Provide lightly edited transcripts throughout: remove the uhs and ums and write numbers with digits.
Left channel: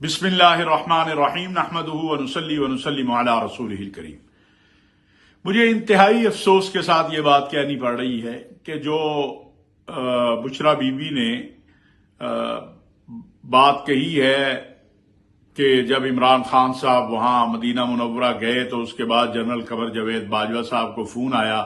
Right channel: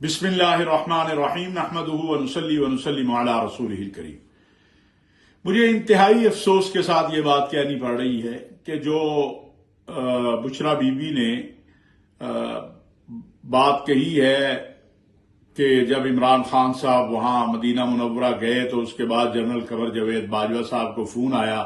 बिस्मिल्लाहिर रहमानिर रहीम नहमदुहु व नुसल्ली व नुसल्लिमु अला रसूलिहिल करीम। मुझे इंतहाई अफसोस के साथ ये बात कहनी पड़ रही है कि जो बुशरा बीबी ने बात कही है कि जब इमरान खान साहब वहां मदीना मुनव्वरा गए तो उसके बाद जनरल कमर जावेद बाजवा साहब को फोन आया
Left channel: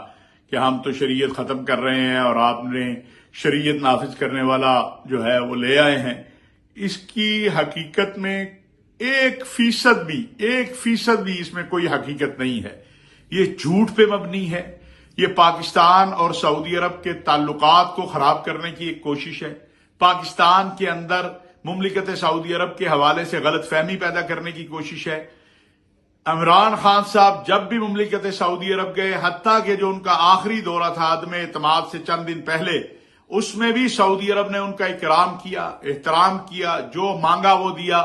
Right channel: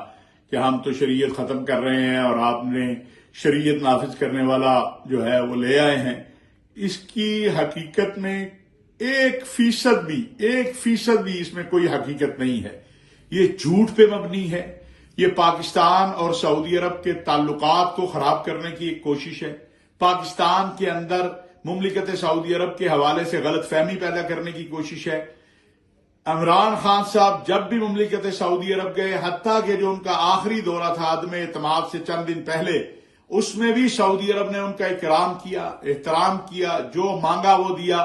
कि हम तो शरीयत खत्म कर रहे हैं और आपने शरीयत नाफिज करने वाला जो है वो ले आए हैं। इसकी हकीकत में 1% भी इसमें कोई हकीकत नहीं है। ये झूठ पे मबनी है। ये पाकिस्तान और सऊदी अरब के ताल्लुकात को खराब करने की एक कोशिश है। पाकिस्तान के अंदर मुमलिकत सऊदी अरब के हवाले से गलत फहमी पैदा करने की कोशिश है। इमरान खान साहब जब भी मुमलिकत सऊदी अरब गए, हत्ता कि जो उनका आखिरी दौरा था आदम एतमाद से चंद दिन पहले, उसमें भी सऊदी अरब ने उनका इकराम किया, एहतराम किया, जो मांगा वो दिया।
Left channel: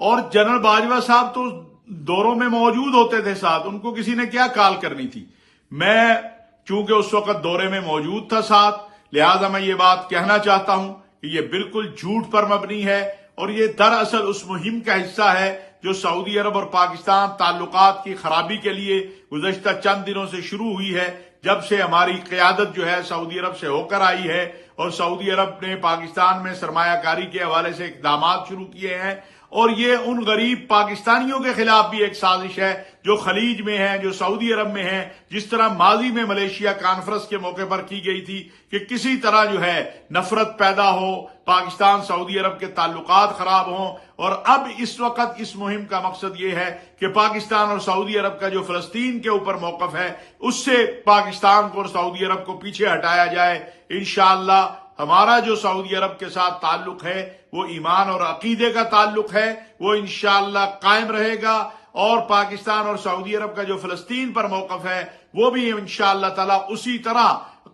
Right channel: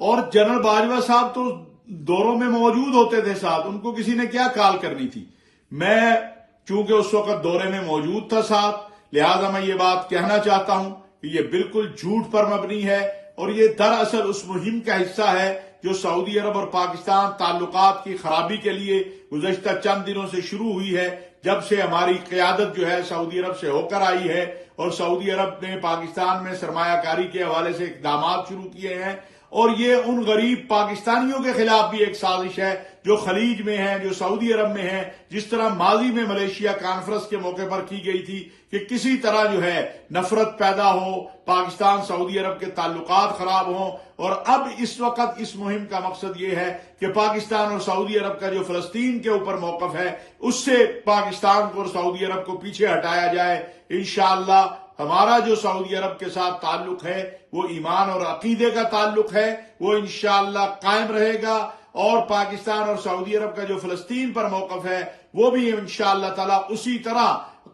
और जनरल बाजवा साहब तो दौरों में मौजूद होते थे साथ, उनको किसी ने क्या कॉल करनी थी। मैं चूंकि उस वक्त दौरे में मौजूद था साथ, लिहाजा मैं ये बात कहना चाहता हूं कि ये बिल्कुल झूठ पर मबनी है और ये दरअसल उस मुहिम का हिस्सा है जो सऊदी अरब और पाकिस्तान ताल्लुकात की खराबी के लिए गुज़श्ता चंद दिनों से शुरू हुई है, जब से हमारी क़यादत जो है सऊदी अरब से होकर आई है और सऊदी अरब ने पाकिस्तान में सरमायाकारी के हवाले से इक़दामात शुरू किए हैं। और ये उन गरीब पाकिस्तानियों के खिलाफ भी एक साजिश है जो खलीज में है, जो सऊदी अरब में है। जिस तरह माजी में मलेशिया कॉन्फ्रेंस के मौके पर की गई थी कि किसी तरह जो है नफरत पैदा हो, पाकिस्तान सऊदी अरब के ताल्लुकात खराब हों। और अब इस वक्त इस मुहिम का मकसद ये है कि पाकिस्तान और सऊदी अरब का जो फलस्तीन के ऊपर मौकफ है उससे पाकिस्तान को और सऊदी अरब को पीछे हटाया जाए। इंशाअल्लाह हमारा जो सऊदी अरब के साथ ताल्लुक है वो ईमान और अकीदे का ताल्लुक है, वो इंशाअल्लाह कायम रहेगा। और पाकिस्तान और सऊदी अरब का जो फलस्तीन पर मौकफ है वो भी इंशाअल्लाह ताला उसी तरह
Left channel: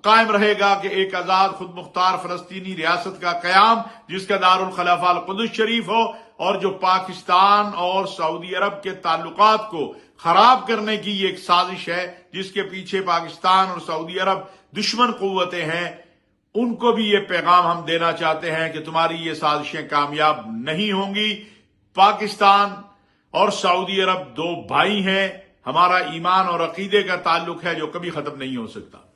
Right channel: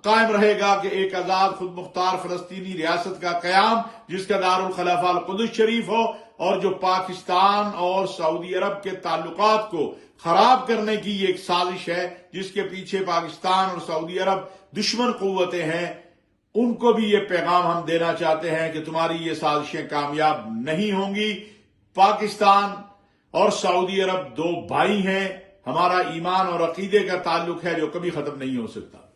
कायम रहेगा कि एक आजाद खुद मुख्तार फलस्तीनी रियासत का कयाम, जिसका दारुल खलाफा अल कुद्स शरीफ हो। और जो पाकिस्तान और सऊदी अरब के ताल्लुकात को खराब करने की ये एक साजिश है जिसके पीछे पाकिस्तान और सऊदी अरब दुश्मन कुव्वतें हैं, उनको भी ये पैगाम हम देना चाहते हैं कि तुम्हारी ये साजिशें कामयाब नहीं होंगी। पाकिस्तान और सऊदी अरब दो भाई हैं, हमारा ईमान और अकीदे का ताल्लुक है जो कभी खत्म नहीं हो सकता।